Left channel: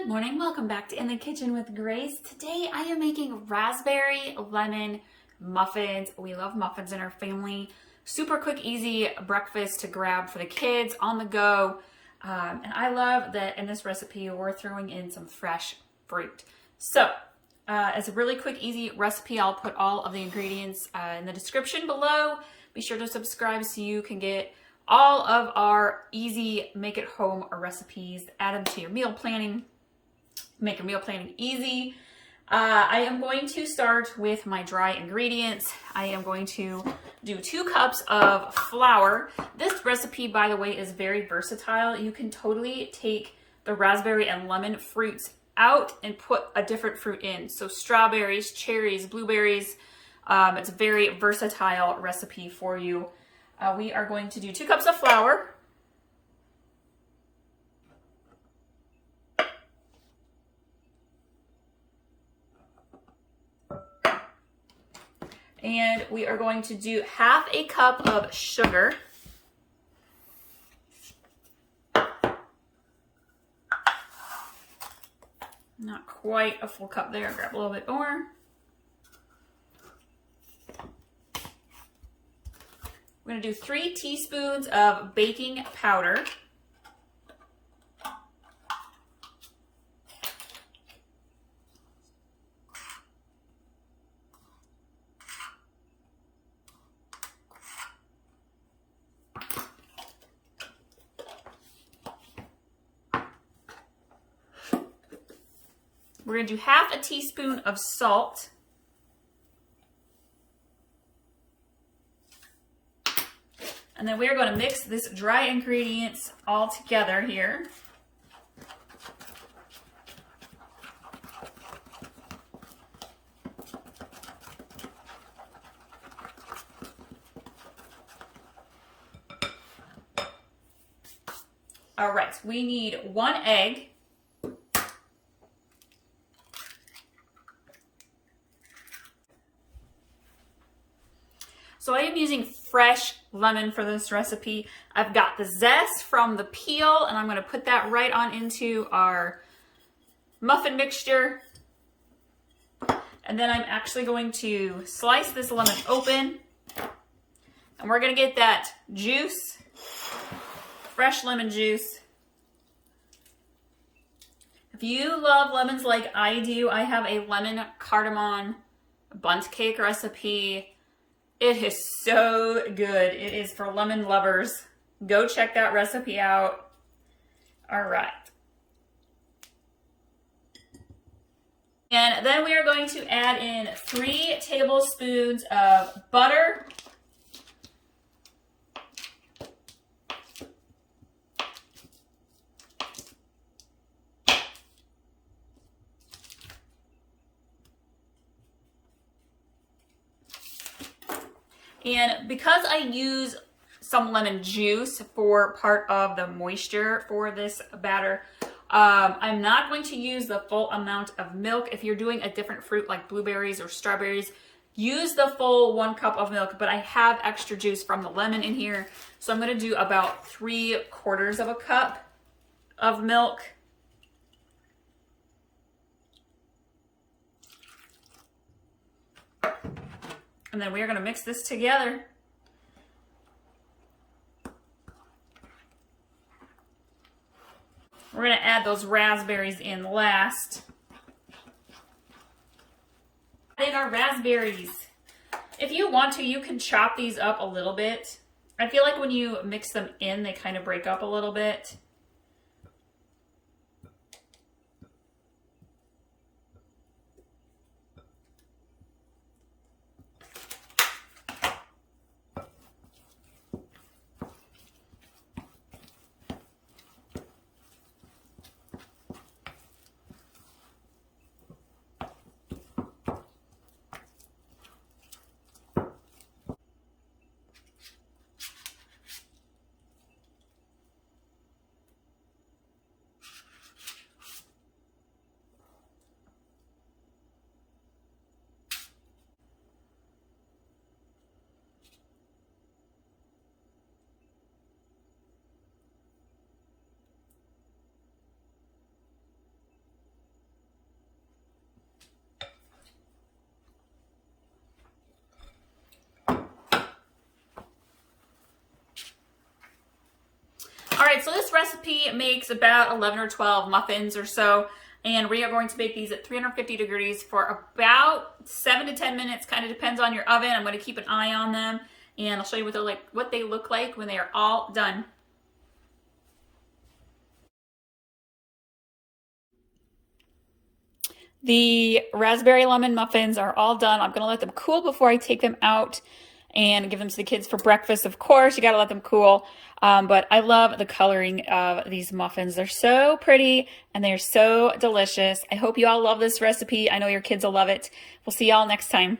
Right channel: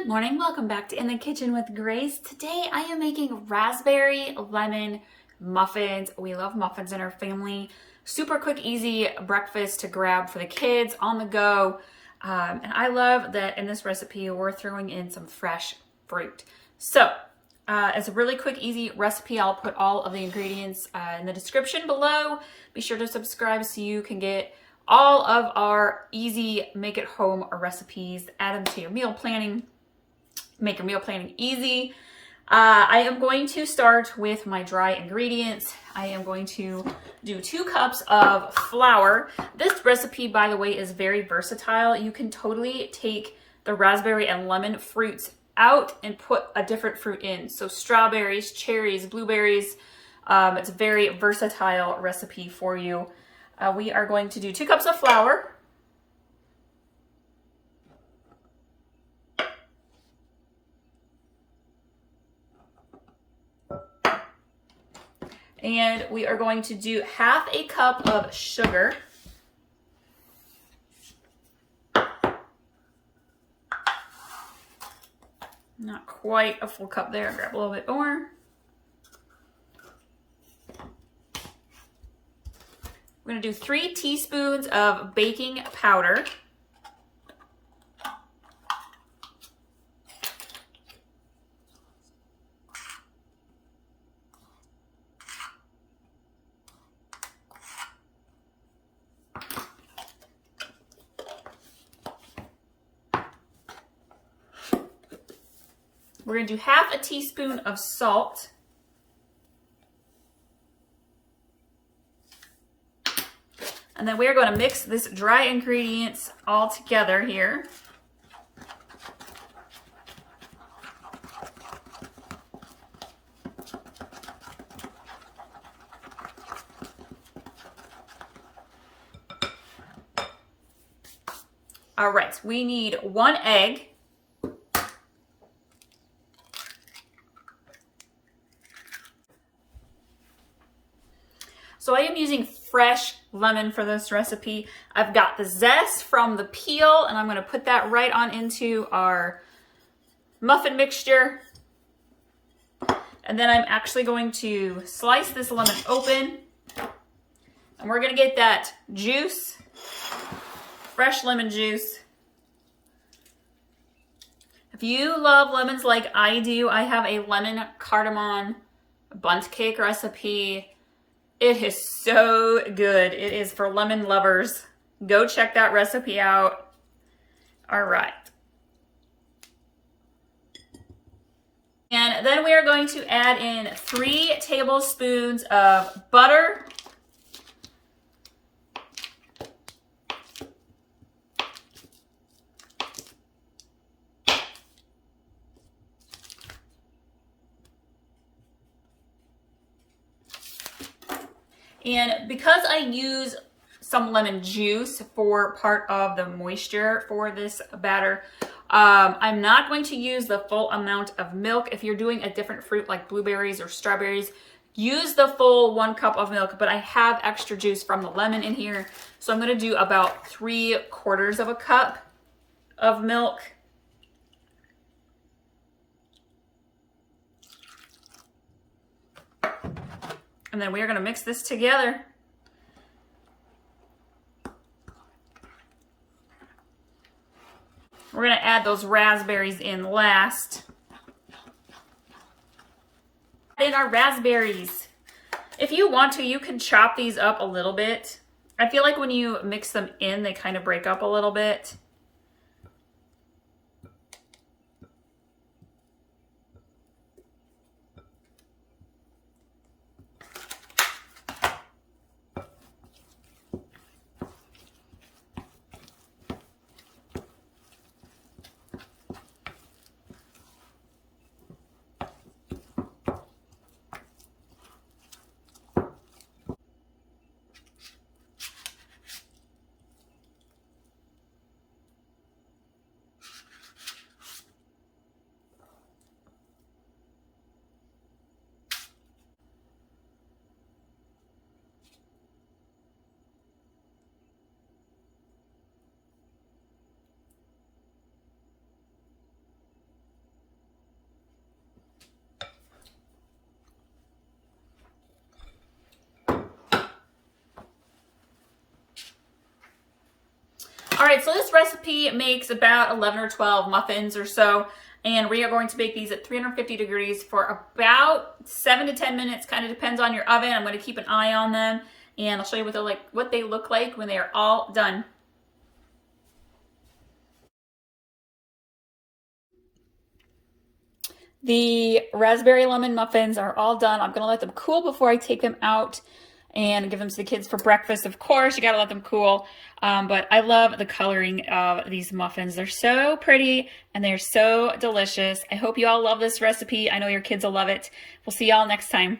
Good morning, welcome back to In the Kitchen with Grace. Today I am making raspberry lemon muffins. We love muffins in our family. Super quick, easy breakfast to grab for the kids on the go. And I love that in this recipe we're throwing in some fresh fruit. So it's a really quick, easy recipe. I'll put all of the ingredients in the description below. Be sure to subscribe so you can get all of our easy make it home recipes. Add them to your meal planning. Make your meal planning easy. I am going to start with my dry ingredients. I am going to do 2 cups of flour. This recipe, by the way, is very versatile. You can totally take the raspberry and lemon fruits out and put a different fruit in. So strawberries, cherries, blueberries. It's a very versatile recipe for you. We are going to do 2 cups of flour. And we are going to do 1/2 cup of sugar. Not quite a full cup there, grab a little bit more. We're gonna do 3 teaspoons of baking powder. We're gonna do 1/2 teaspoon of salt. And then we are going to mix this dry ingredients all together here. All right, we need 1 egg. So I am using fresh lemon for this recipe. I've got the zest from the peel, and I'm going to put that right on into our muffin mixture. And then I'm actually going to slice this lemon open, and we're going to get that juice, fresh lemon juice. If you love lemons like I do, I have a lemon cardamom bundt cake recipe. It is so good. It is for lemon lovers. Go check that recipe out. All right. And then we are going to add in 3 tablespoons of butter. And because I use some lemon juice for part of the moisture for this batter, I'm not going to use the full amount of milk. If you're doing a different fruit like blueberries or strawberries, use the full 1 cup of milk, but I have extra juice from the lemon in here. So I'm going to do about 3/4 of a cup of milk. And then we are going to mix this together. We're going to add those raspberries in last. Add in our raspberries. If you want to, you can chop these up a little bit. I feel like when you mix them in, they kind of break up a little bit. All right, so this recipe makes about 11 or 12 muffins or so, and we are going to bake these at 350 degrees for about 7 to 10 minutes, kind of depends on your oven. I'm going to keep an eye on them, and I'll show you what they look like when they are all done. The raspberry lemon muffins are all done. I'm going to let them cool before I take them out and give them to the kids for breakfast. Of course, you got to let them cool. But I love the coloring of these muffins. They're so pretty and they're so delicious. I hope you all love this recipe. I know your kids will love it. We'll see y'all next time.